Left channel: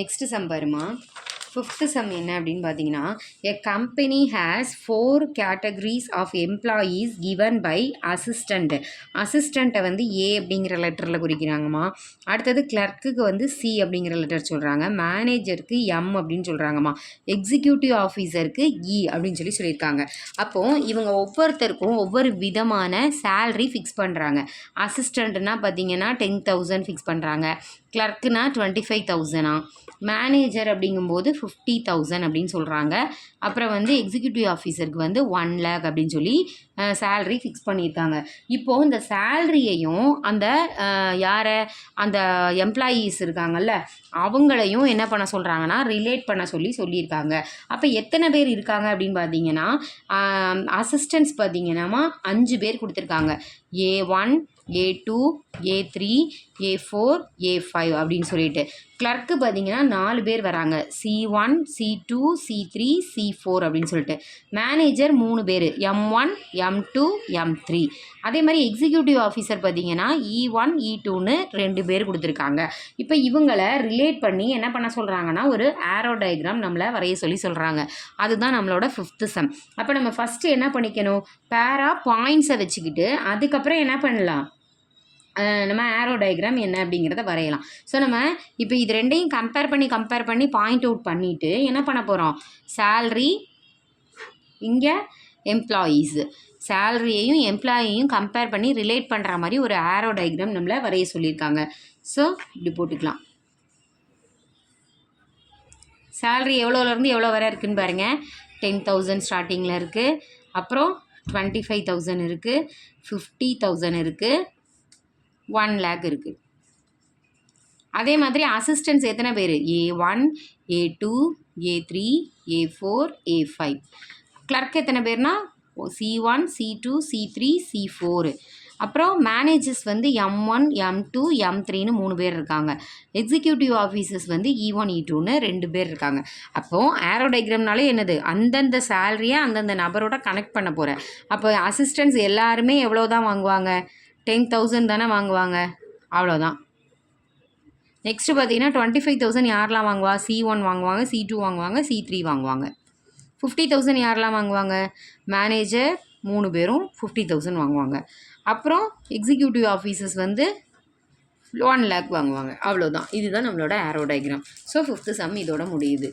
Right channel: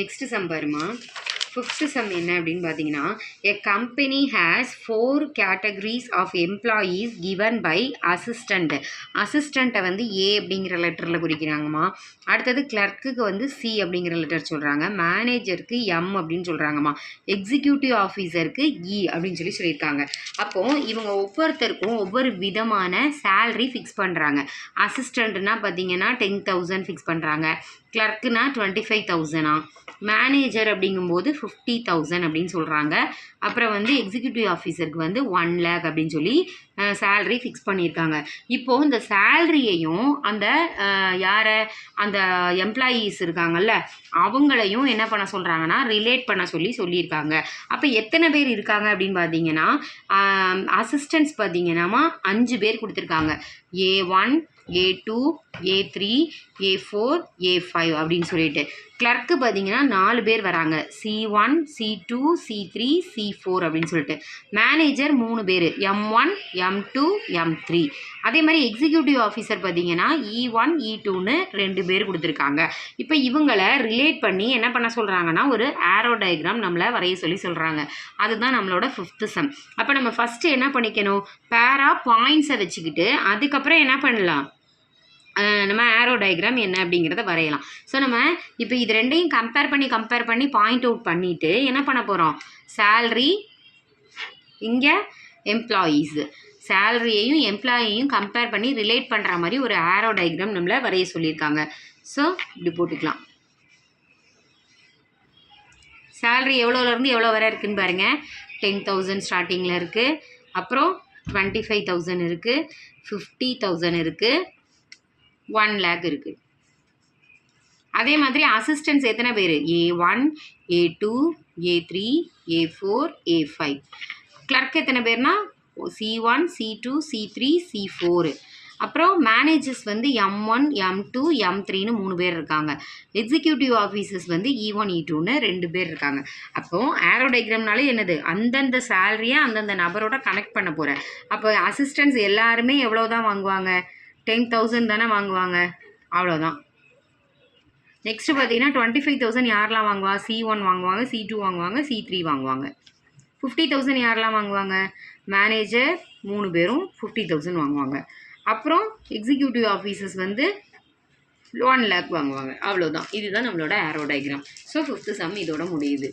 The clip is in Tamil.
நெக்ஸ்ட் சம் பாருமா. ஃபிஃப்த் சம் என்ன அப்படின்னு பார்த்தீங்கன்னா, a company has 4 categories of employees given by assistant. அசிஸ்டண்ட்டை வந்து ஏ அப்படிங்கிற லெட்டரில் குறிக்கிறாங்கம்மா. அடுத்தது கிளர்க்குக்கு வந்து சி அப்படிங்கிற லெட்டர் சொல்கிறாங்க. மேனேஜருக்கு எம் அப்படின்னு சொல்கிறாங்கம்மா. எக்ஸிக்யூட்டிவ் ஆஃபீஸருக்கு இ அப்படின்னு சொல்லியிருக்காங்க. அப்போது இவங்க ஒவ்வொருத்தருக்கும் ஒவ்வொரு விதமான சேல்ரி ஃபிக்ஸ் பண்ணுறாங்க. அசிஸ்டண்ட்னா பார்த்தீங்கன்னா 10,000 ஃபிக்ஸ் பண்ணுறாங்க. கிளர்க்குனா 25,000. மேனேஜர் அப்படிங்கும்போது 50,000 அப்படின்னு சொல்கிறாங்க. அப்புறம் வந்து எக்ஸிக்யூட்டிவ் ஆஃபீஸருக்கு வந்து 1 lakh அப்படின்னு சொல்லி சேல்ரி ஃபிக்ஸ் பண்ணியிருக்காங்க. இப்போது இந்த சேல்ரியையும் அந்த யாரை அந்த எம்ப்ளாயீஸ் இருக்காங்கல்ல அவங்களையும் என்ன பண்ண சொல்கிறாங்கன்னா ரிலேட் பண்ண சொல்லியிருக்காங்க. அப்போ எத்தனை பேர் இருக்காங்க அப்படின்னு பார்த்தீங்கன்னா அசிஸ்டன்ட்ஸ் பார்த்தீங்கன்னா 5 பேர் கொடுத்துருக்காங்க. A1 A2 A3 A4 A5 அப்படின்னு சொல்லிட்டு. கிளர்க்கு பார்த்தீங்கன்னா 4 பேர் வராங்க. C1 C2 C3 C4 அப்படின்னு சொல்லிட்டு. மேனேஜர் 3 பேர், M1 M2 M3. அதே மாதிரி எக்ஸிக்யூட்டிவ் ஆஃபீஸர் பார்த்தீங்கன்னா E1 E2ன்னு 2 பேர் கொடுத்துருக்காங்க. இப்போ இவங்களை ரிலேட் பண்ணி என்ன பண்ண சொல்கிறாங்கன்னா ஒரு ஆரோ டயக்ராம் நம்மளை வரைய சொல்கிறாங்க. அதுதான் நம்மளோட 5th சம். அப்போ நம்ம ஃபஸ்ட்டு என்ன பண்ணிக்கணும், பேரா பாயிண்ட்ஸை வச்சுக்கிட்டு அதுக்கப்புறம் என்ன பண்ணலாம், நம்ம ஆரோ டயக்ராம் என்ன அப்படிங்கிறத வரையலாம். ஸோ நம்ம இப்போ இது ரெண்டையும் கம்பேர் பண்ணி பாயிண்ட் அவுட் பண்ணிவிட்டு என்ன பண்ண போகிறோம், சேல்ரி இங்கே எம்ப்ளாயீஸு, சேலரியையும் எம்ப்ளாயையும் கம்பேர் பண்ணி ரிலேட் பண்ணுற மாதிரி ஒரு ஆரோ டயக்ராம் நம்மளை வரைய சொல்லியிருக்காங்க. ஸோ இப்படி போட்டுக்கலாம். சேல்ரி எவ்வளோலேருந்து எவ்வளோ வரை இருக்குதுன்னு பாருங்கள். 10,000 ஸ்டார்டிங்கில் இருக்குது. அப்புறம் 25,000 இருக்குது, 50,000 இருக்குது, 1 lakh இருக்குது. அதே மாதிரி அசிஸ்டன்ஸ் எத்தனை பேர், A1 A2 A3 A4 A5. Clerk எத்தனை பேர்னா C1 C2 C3 C4. அப்புறம் மேனேஜர்ஸ் வந்து M1 M2 M3ன்னு 3 பேர் இருக்காங்க. எக்ஸிக்யூட்டிவ் ஆஃபீஸர்ஸ் வந்து E1 E2ன்னு 2 பேர் இருக்காங்க. அப்போது ஆரோ டயக்ராம்னாலே என்னது, அந்தந்த சேலரியை அந்தந்த நபரோட கனெக்ட் பண்ண போகிறேன். அப்போ அசிஸ்டன்ஸ் எல்லாருமே எவ்வளோ தான் வாங்குவாங்க, 10,000 தானே வாங்குவாங்க, அவ்வளோதான். நெக்ஸ்ட்டு பார்த்தீங்கன்னா 25,000 யாரெலாம் வாங்குவா, C1 வாங்குவாங்க, C2 வாங்குவாங்க, C3 வாங்குவாங்க. 50,000 யாரெலாம் வாங்குவாங்க, மேனேஜர் 3 பேரும் 50,000 வாங்குவாங்க. அப்புறம் எக்ஸிக்யூட்டிவ் ஆஃபீஸர்ஸ் வந்து 1 lakh வாங்குவாங்க. அவ்வளோதான். இதுதான் நம்மளோட ஆரோ டயக்ராம். ஸோ 5th சம் இதோட முடியுது.